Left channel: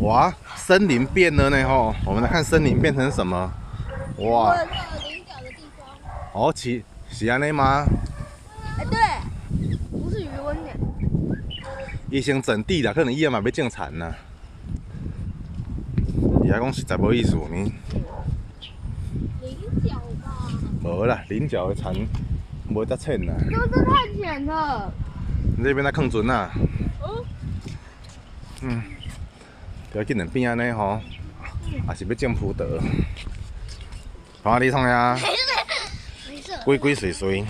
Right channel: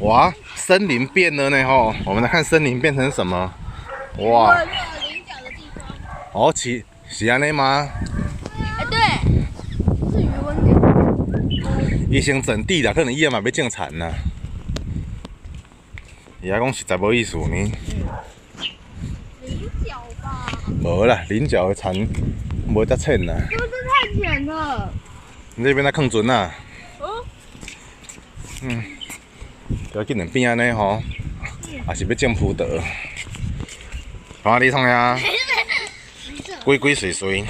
哇，森林变了呢吼！我们来看森林变成什么？哇！哦，是安尼吗？哎，对，不是余温点。伊先整地啦，可能伊也嘛要种田啦。伊还讲实在无意思呢。菱角吧？无啦，菱角的田无遮浅啦。这太浅了。你这边在坑船啊？嗯，要紧两边安尼吼，也是要种葡萄。看你创呀，鬼鬼祟祟。